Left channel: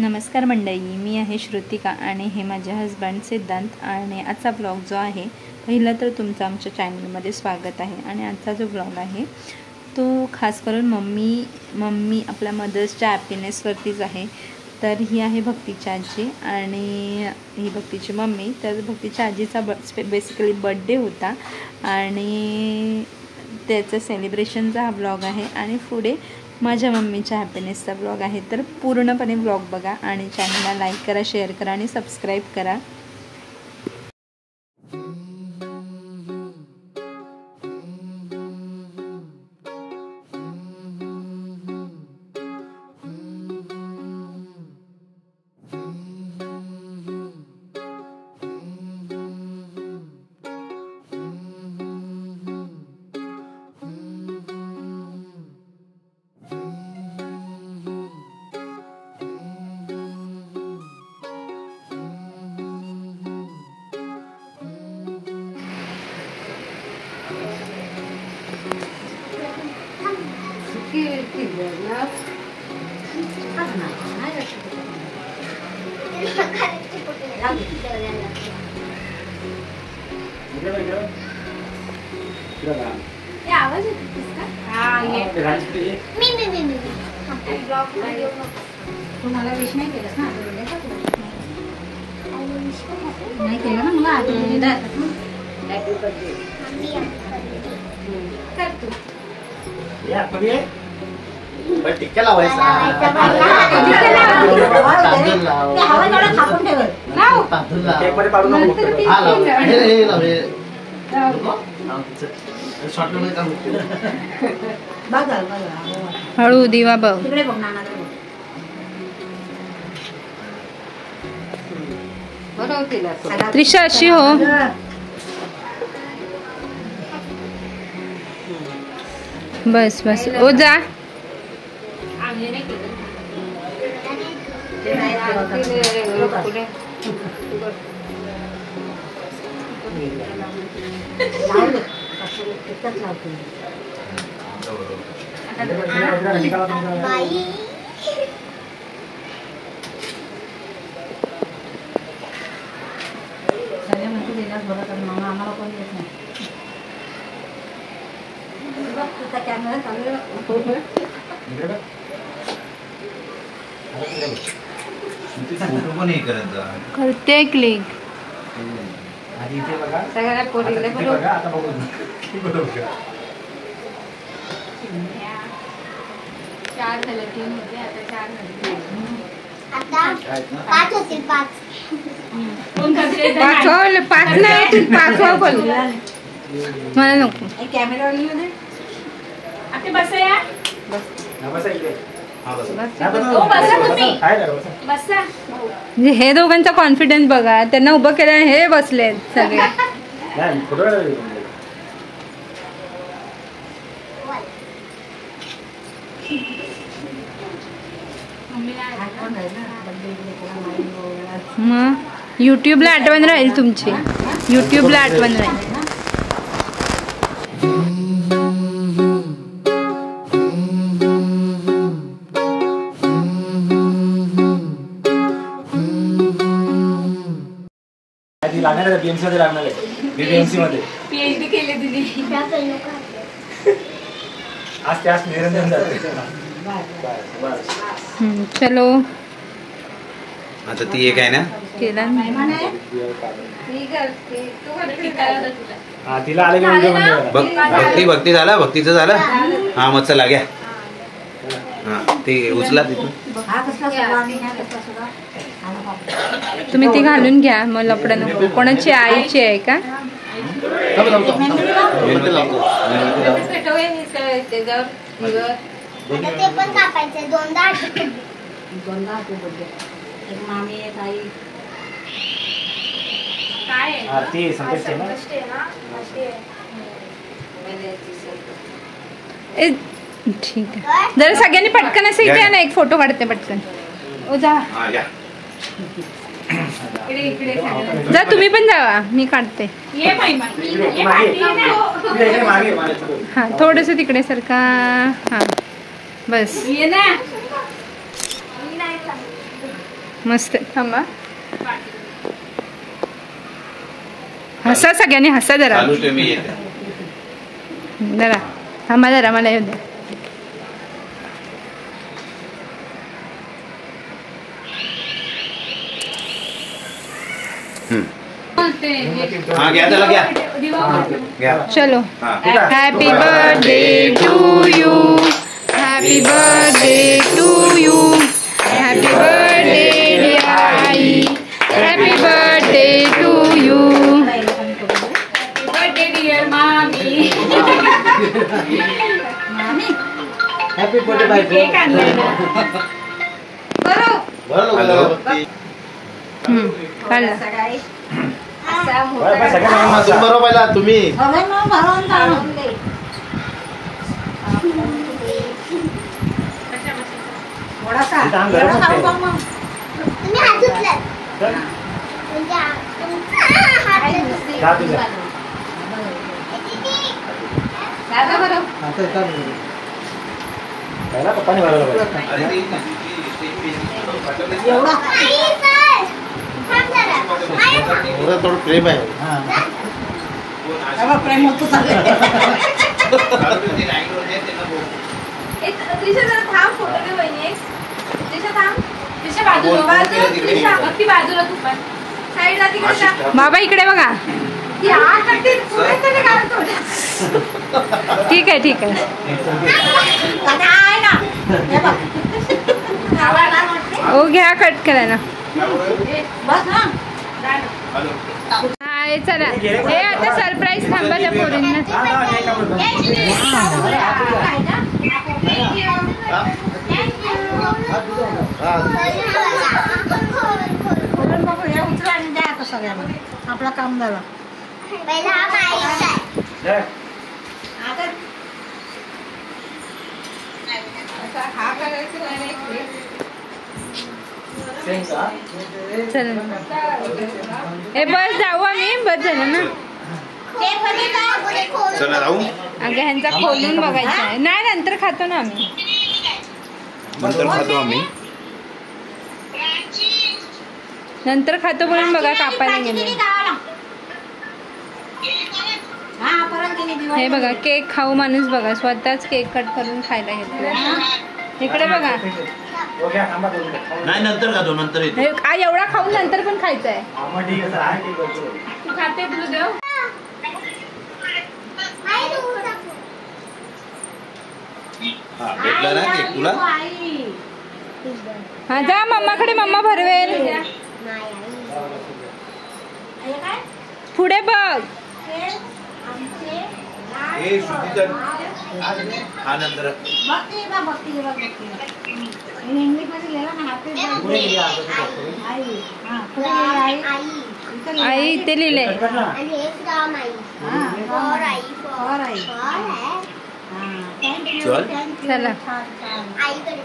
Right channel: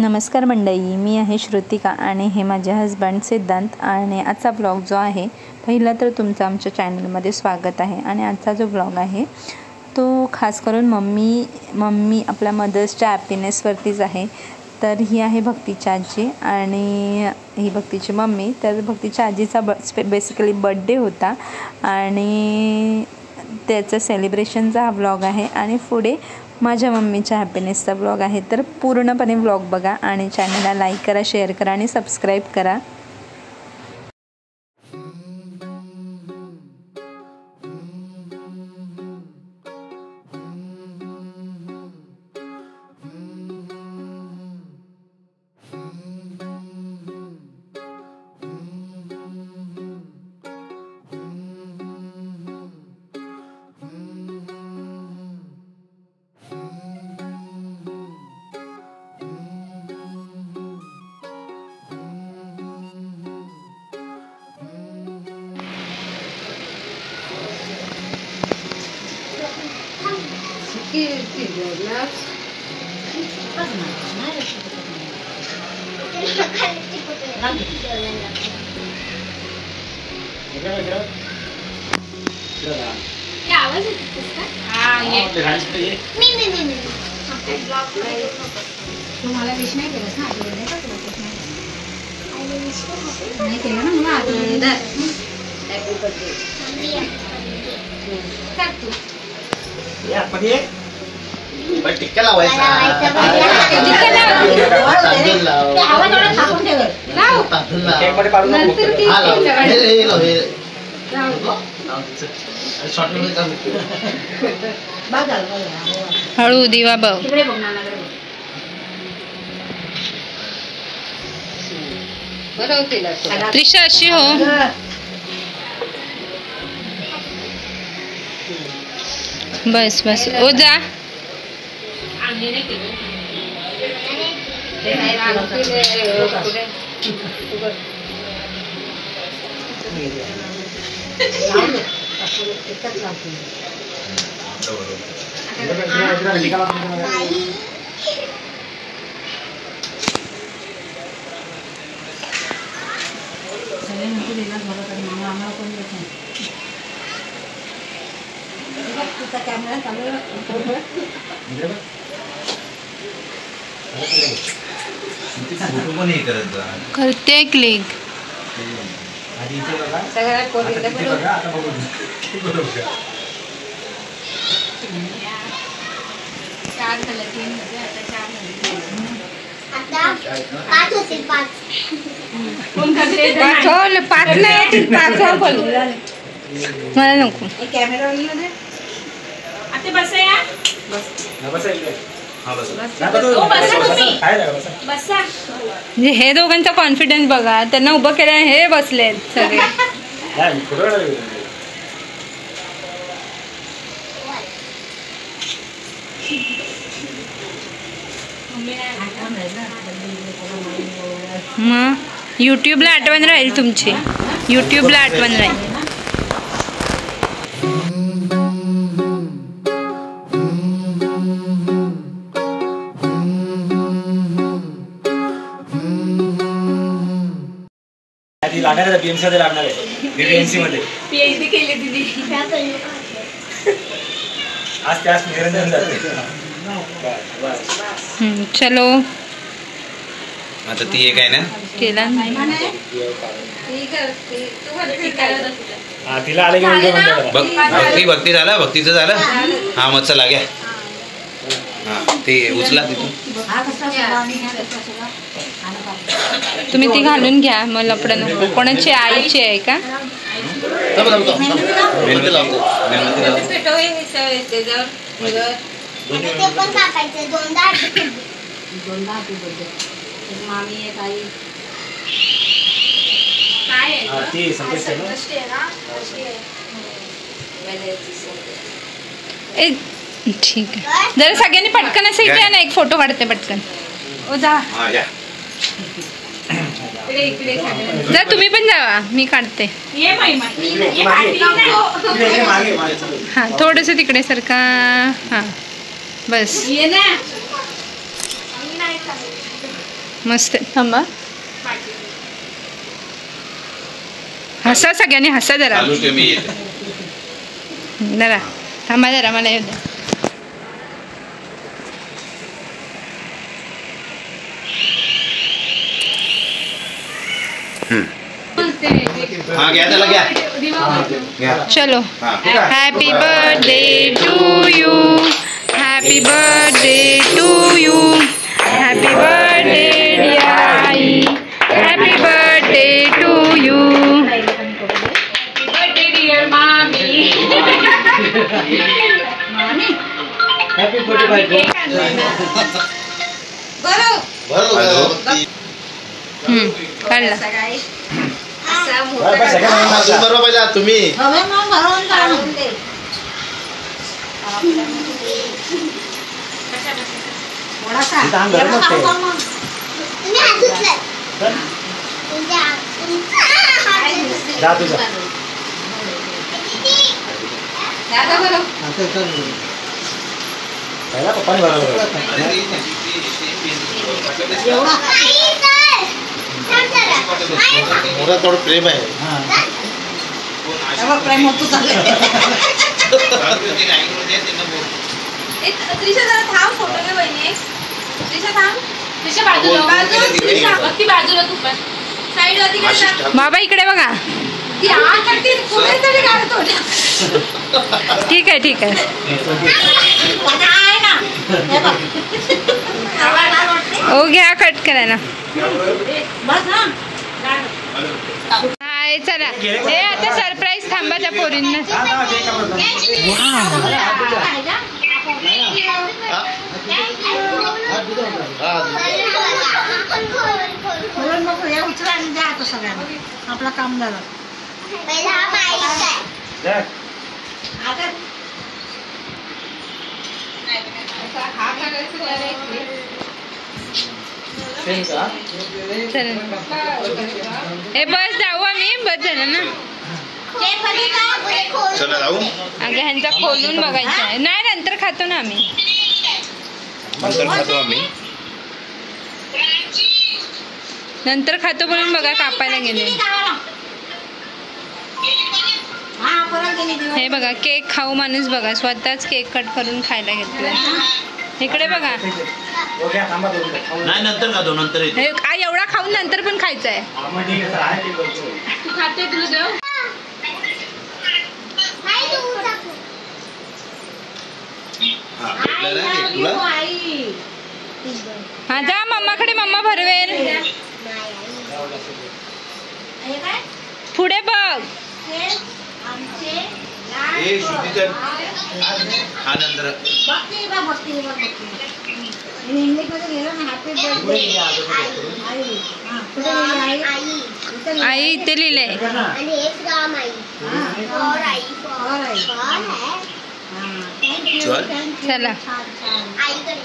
नमस्कार मंडळी, मी आहे श्रुतिका आणि हे माझे हजबंड सिद्धांत। आणि आजचा ब्लॉग जो आहे, पहिला तर तुमचं आमच्या चॅनलमध्ये स्वागत आहे। आणि आजचा जो ब्लॉग आहे तो खास करून मम्मी आपल्या मदर्सच्या हॅपीनेसवरतीच आहे। तर ही आहे भक्तीची आजी आणि ही भक्तीची मम्मी। तर भक्तीच्या आजीचा बेसिकली बर्थडे होता आणि त्याचं सेलिब्रेशनचा हा ब्लॉग आहे आणि पुढे माझ्या मम्मीच्या हॅपीनेसचा ब्लॉग आहे। तर पूर्णपणे ब्लॉग बघा आणि चॅनलला लाईक करा, शेअर करा आणि सबस्क्राईब करा। तुम्हाला विश नाही केलंस ना? नाही केलं ना मला? हॅपी बर्थडे कर तू या पडे पण टिक्का लावायचा ते हवा थोडं थापून ठेव केक मध्ये पाडू नको हा लाव हे लाव हे शॉर्ट मध्ये चालू बघ हळू दिवा बघ तिकडे बघ नानाकडे बघ त्रिशा अशी हो बस बस ओ जा सगळे म्हणते देणार बरं तर मामा आम्हाला कोण येत नाही तुझा कॅमेरा चालू करते क्लिक चार झालं 3 होते आता 4 झाले आता 5 होतील 5 पाच नाही बोल मला नको कॅमेरा मध्ये आता बसा या बसा इकडे हा बसा म्हणजे हे दोघांचा कॉन्फिडन्स बघा, त्यांना उभं केलं हे बसले सगळे मग यूट्यूबला आठवण राहील तुमची, यूट्यूबला आठवण राहील। आधी लागणार आहे बीएमसी मध्ये लागणार आहे बीएमसी मध्ये पीएचडी केली दिदी आज त्यास निरंजन जाते चलो आता ती एक आहे ना केला हा तिला आले की व्हिडिओ भक्ती झाला, भक्तीचं झालं हा मग चला घ्या हा ते उचला तिथून तुम्ही ती घालून घ्या, मग लपड नको। कोणाची आईची आहे का? ते पण कापायचे दोनदा मामी एक आई काय हा ते संकेत ना ए ठीक आहे, जरा सगळ्यांनी पटकन असं इथे या ना, एक फोटो काढते पटकन। ओ जा जा तुम्ही पण जावा, मी काढते। हा थोडस तिकडे सरका, हा बस ये ना मस्त थांबा. हसा सगळ्यांनी हसा जरा. चालूच ठेव, मी येते. जरा थांबा जरा मला येऊ द्या. हा घ्या त्याला घ्या. घ्या. चलो. हा. Happy birthday to you. Happy birthday to you. Happy birthday आई. Happy birthday to you. Happy birthday बायको. काढला. बरोबर पहिला तुम्ही. तुम्ही हात धुतले. तुमच्या हात धुतले. थोडं प्रेम आहे. प्रेम होतो चाललंय. त्रिशा जरा थांब फोटो घे बहिणी. त्रिशा थांब. त्रिशा बाजूला तू पण साईडला तिकडे बाबा इकडे बघा. ती आत टाकते पुढे तरी काढतो. ठीक आहे ठीक आहे. दादा आहे ना. हे बघ. ओ घ्या कट करायला. बस ना. हाय चला. हे आता सरप्राईज थांबा त्या पोरींना. हे उचला आणि द्या आता सगळ्यांना. आपलं काम झालं. पहिला हा माईक आहे. चला. हे बस जाऊ आम्ही. बस झालं ना. चला जाऊ. अगं ह्यांचा खोलून बघायचं आहे. नाही नंतर खातो ना आम्ही. नंतर खातो आम्ही. नंतर खातो बोलून बघा कापायला गेले. हे बघा केक खाऊ माणूस बघा. स्वतःच केक कट करून खायला घेतलाय. इकडे बघा. नाही नंतर खातो. नंतर येतो. हे एवढा खाऊन नंतर पण खायचं आहे. तू खाते तुला देऊ. हा भेटला ना केक तुला. हा जा मम्माकडे. मम्मा भरवेल. पुढे बघ. ए श्रुतीचा हा नंतर. आई इथे लिहिलंय. आणि हेच काम आई. For I. For I. चल. चला. आईकडे.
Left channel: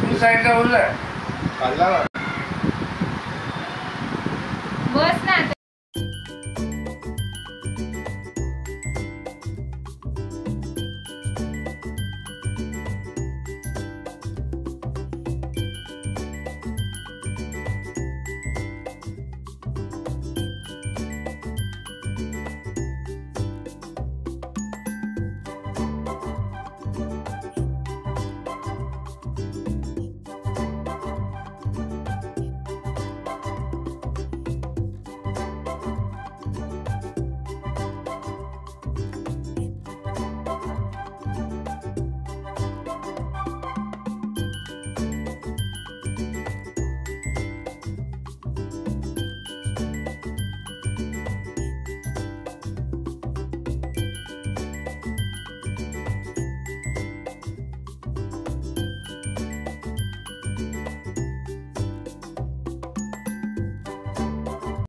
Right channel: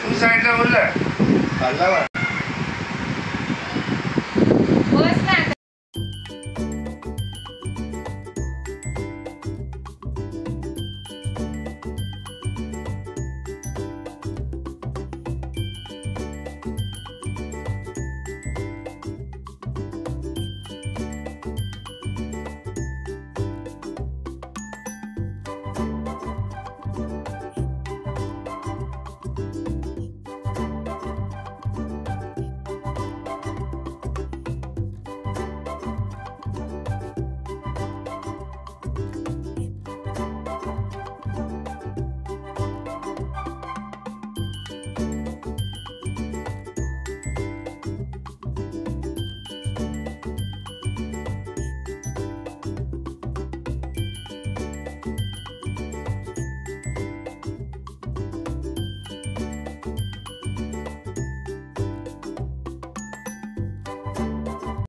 तुम्ही साईडला बोलला.